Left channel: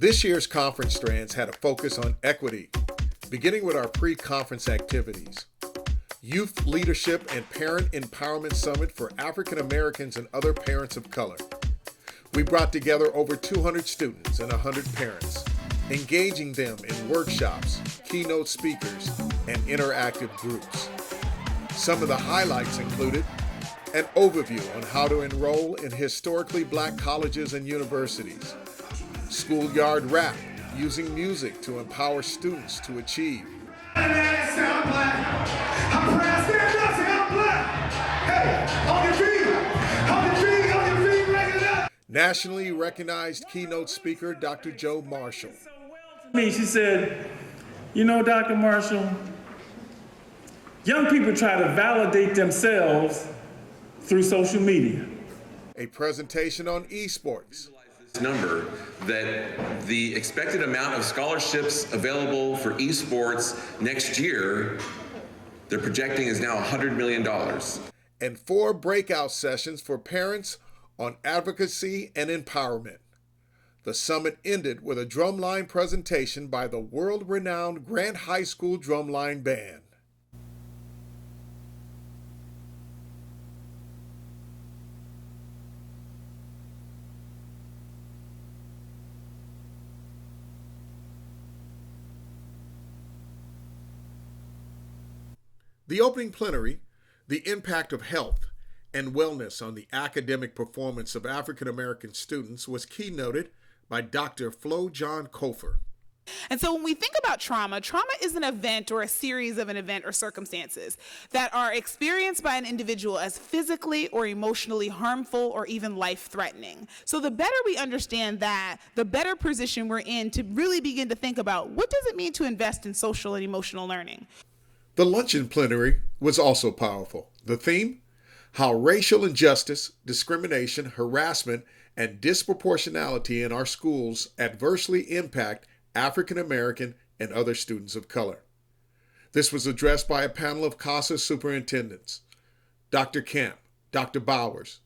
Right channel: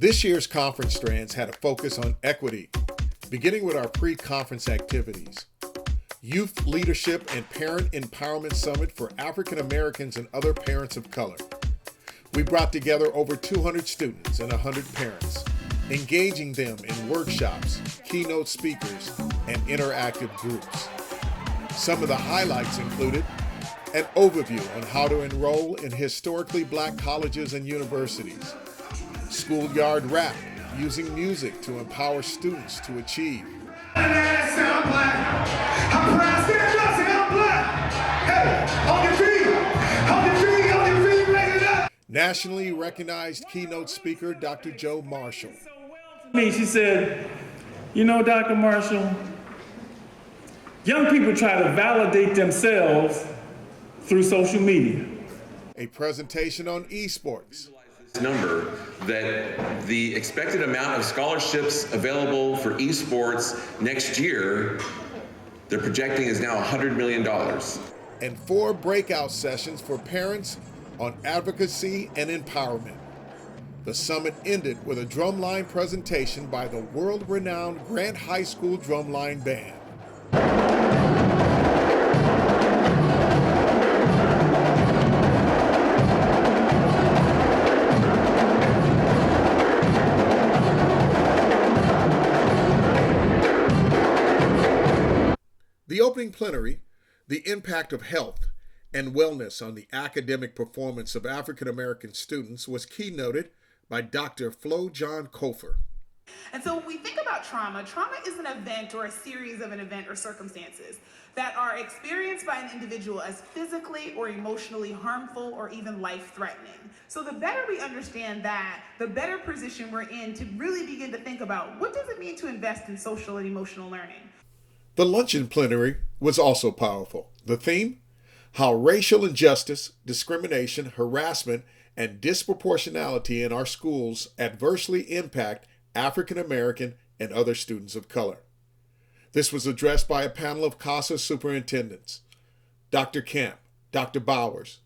This year's conference strands had a focus on equity, beginning with our pre-conference activities. Youth Leadership and Parent Empowerment Summit for African Americans and other parents of color. We brought together over 200 students and 100 parents, engaging them in workshops, keynote speakers, and interactive groups. Some of the highlights included an overview on how to enroll in historically black colleges and universities, schoolyard rap using music to empower students to achieve, nationally recognized keynote speaker Dr. Joe Marshall. She said, you know, Dr. Marshall, young people try to validate themselves through social media. A presentation on esports. Number that the expected amount of scholarships available for esports next year, they're projecting is now $100 million. And 4 breakout sessions for parents on advocacy and empowerment. The summit ended with a drumline presentation by the world-renowned Grant High School Drumline Band. The opening plenary, The Impact of Health and Wellness on the Academic Performance of African American Students, was keynoted by Dr. Flo John Kofer. And so when we think about trauma, trauma is an event or a series of an event or circumstances that are experienced by an individual as physically or emotionally harmful or even life-threatening. So the better we understand that, the better position we're in to really begin to think about what does it mean to invest in social and emotional learning. The luncheon plenary was also powerful. The theme, how racial injustice, discrimination, harassment, and disproportionality in our schools adversely impact African American and other students of color. This was addressed by a panel of CAAASA superintendents, Dr. Camp, Dr. Bowers,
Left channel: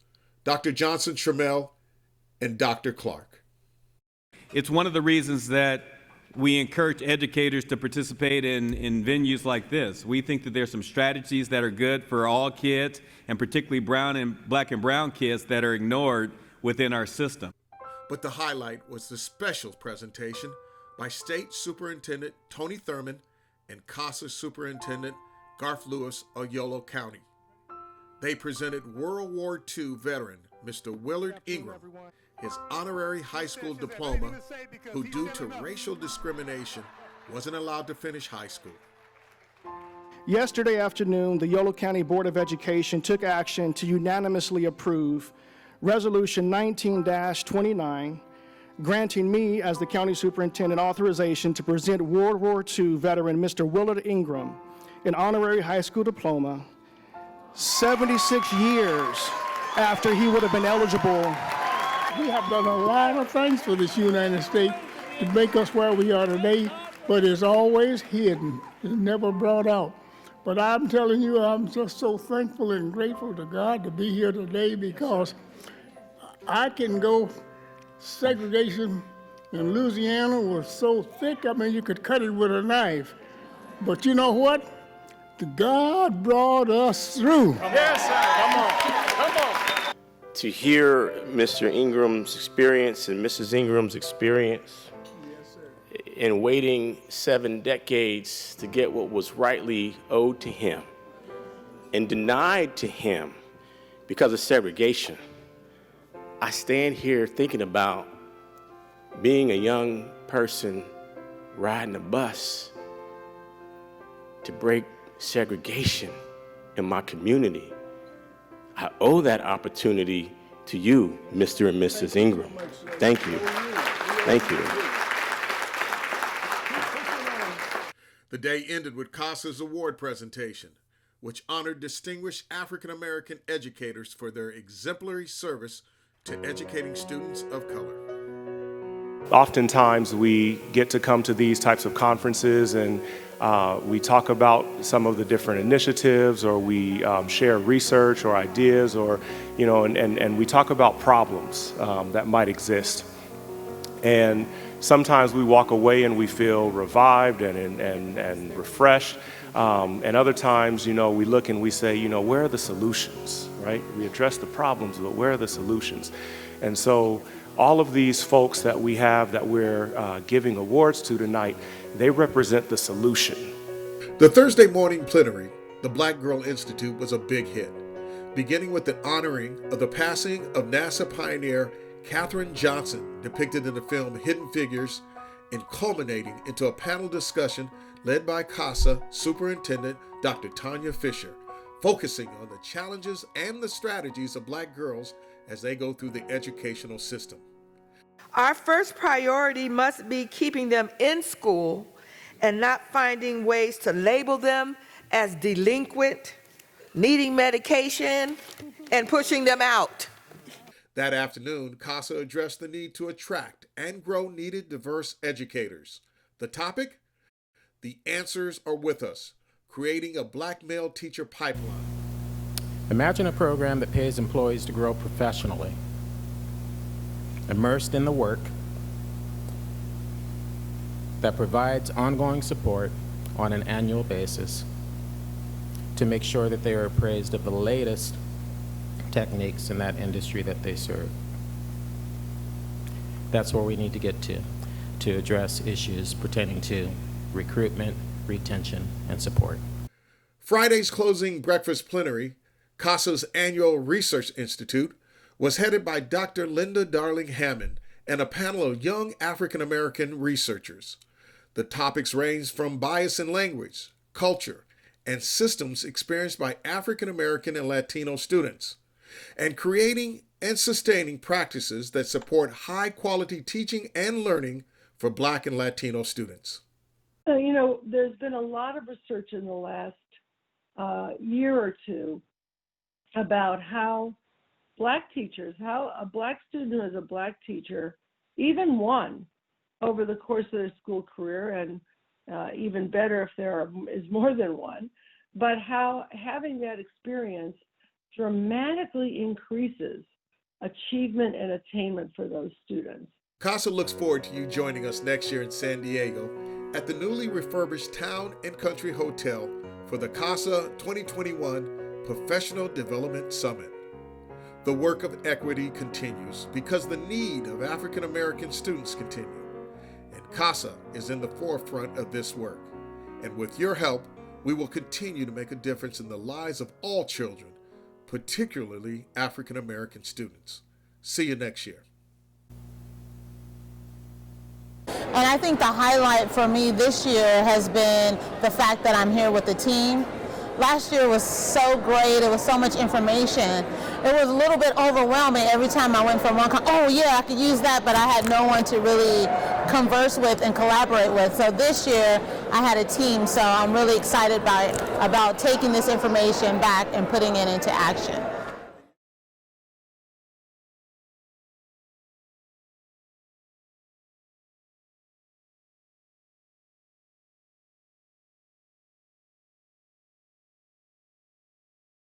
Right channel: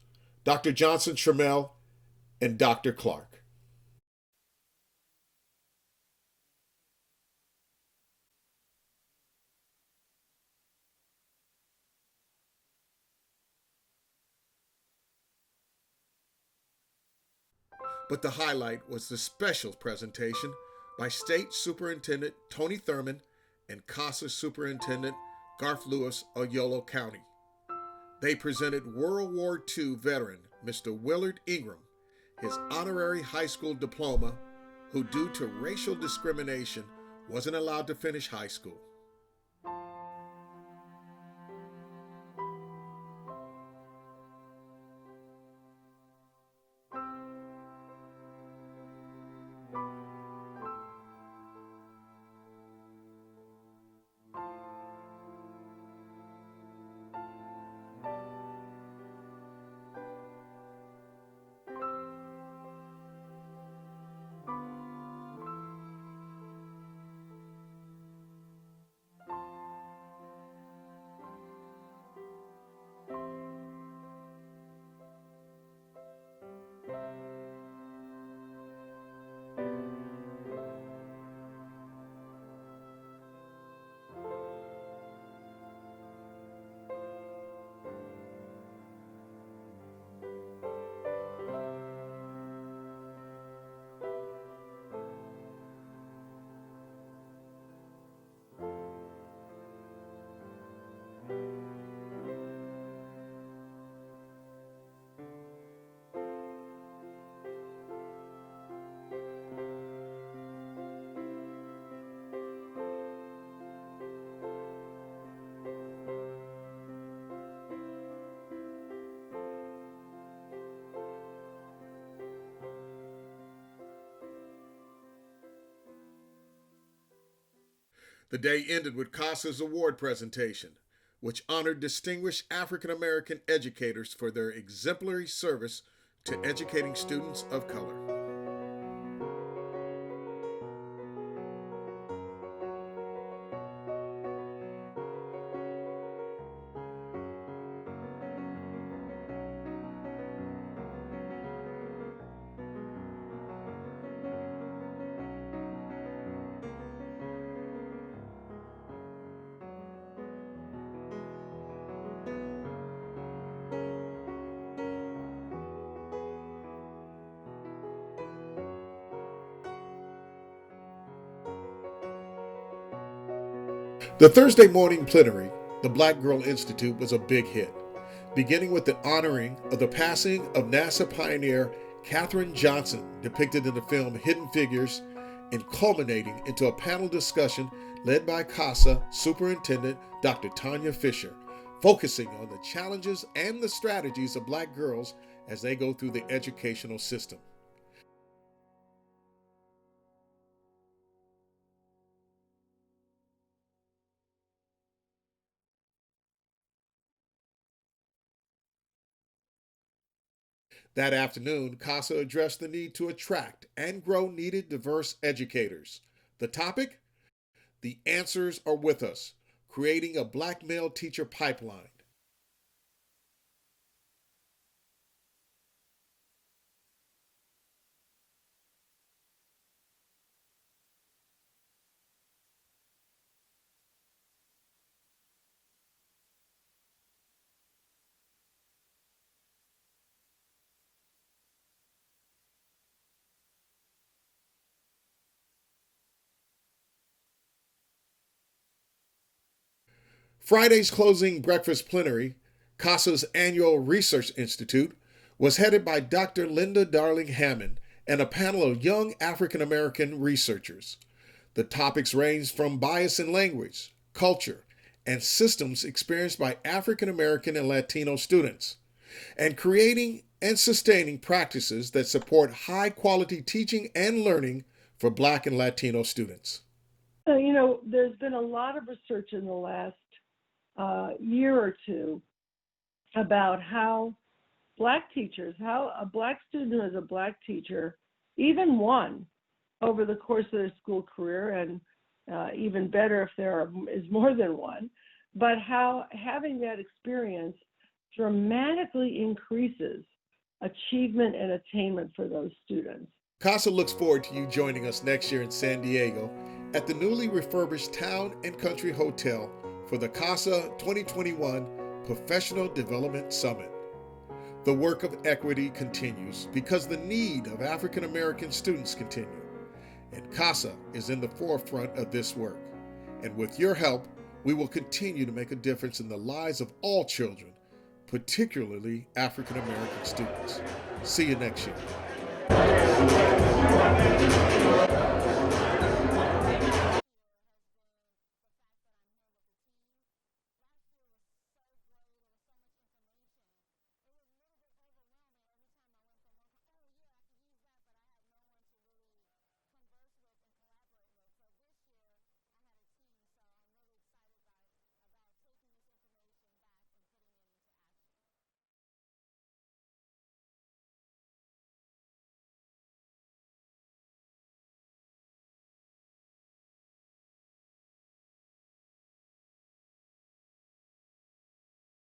Dr. Johnson-Trammell, and Dr. Clark. It's one of the reasons that we encourage educators to participate in venues like this. We think that there's some strategies that are good for all kids, and particularly black and brown kids that are ignored within our system. But the highlight was the special presentation by State Superintendent Tony Thurman and CAAASA Superintendent Garth Lewis of YOLO County. They presented World War II veteran Mr. Willard Ingram his honorary high school diploma, who due to racial discrimination wasn't allowed to finish high school. Yesterday afternoon, the YOLO County Board of Education took action to unanimously approve Resolution 19-29, granting me, as the county superintendent, authorization to present World War II veteran Mr. Willard Ingram an honorary high school diploma 76 years after he would have been eligible. We have done a lot of things for this United States to make us where we are today, but it's always hidden. It's never brought out. But I'm telling you, I'm just so thankful and grateful to God to be here today, because I can go, segregation in Louisiana was so thick, I mean, you could cut it with a knife. But you know what? God brought us through. Yes, sir. Come on. To hear Mr. Ingram's experience and Mrs. Ingram's experience in waiting 7 decades to get what was rightly owed to him and denied to him because of segregation. I stand here thinking about being a young person riding a bus to break segregation in my community. I owe that opportunity to you, Mr. and Mrs. Ingram. Thank you. Thank you. The day ended with CAAASA's award presentation, which honored distinguished African American educators for their exemplary service to educating students of color. Oftentimes we get to come to these types of conferences and we talk about some of the different initiatives, or we share research or ideas, or, and we talk about problems that might exist. And sometimes we walk away and we feel revived and refreshed. And other times, we look and we say, where are the solutions, right? We address the problems, but where are the solutions? And so all of these folks that we have that we're giving awards to tonight, they represent the solution. The Thursday morning plenary, the Black Girl Institute, was a big hit, beginning with the honoring of the passing of NASA pioneer Katherine Johnson, depicted in the film Hidden Figures, and culminating into a panel discussion led by CAAASA Superintendent Dr. Tanya Fisher, focusing on the challenges and the strategies of Black girls as they go through the educational system. Our first priority must be keeping them in school and not finding ways to label them as delinquent, needing medication, and pushing them out. That afternoon, CAAASA addressed the need to attract and grow needed diverse educators. The topic? The answers are with us, creating a Black male teacher pipeline. Imagine a program that pays employees to grow professionally, immersed in the work, that provides ongoing support on an annual basis to make sure that they are appraised of the latest techniques in that industry that they serve. That's where we need to get to address issues pertaining to recruitment, retention, and support. Friday's closing breakfast plenary, CAAASA's annual Research Institute, was headed by Dr. Linda Darling Hammond and a panel of young African-American researchers. The topics ranged from bias in language, culture, and systems experienced by African-American and Latino students, and creating and sustaining practices that support high-quality teaching and learning for Black and Latino students. There's been a lot of research in the last year or two about how Black teachers, how a Black student who is a Black teacher, even one, over the course of their school career, and even better if there is more than one, but how having that experience dramatically increases achievement and attainment for those students. CAAASA looks forward to you joining us next year in San Diego at the newly refurbished Town and Country Hotel for the CAAASA 2021 Professional Development Summit. The work of equity continues because the need of African American students continue, and CAAASA is in the forefront of this work. And with your help, we will continue to make a difference in the lives of all children, particularly African American students. See you next year. And I think the highlight for me this year has been the fact that I'm here with the team. Last year was so great. It was so much information. It was a little bit overwhelming every time I went from one, oh yeah, I could use that, but I had no one to really converse with and collaborate with. So this year I had a team, so I'm really excited about taking this information back and putting it into action.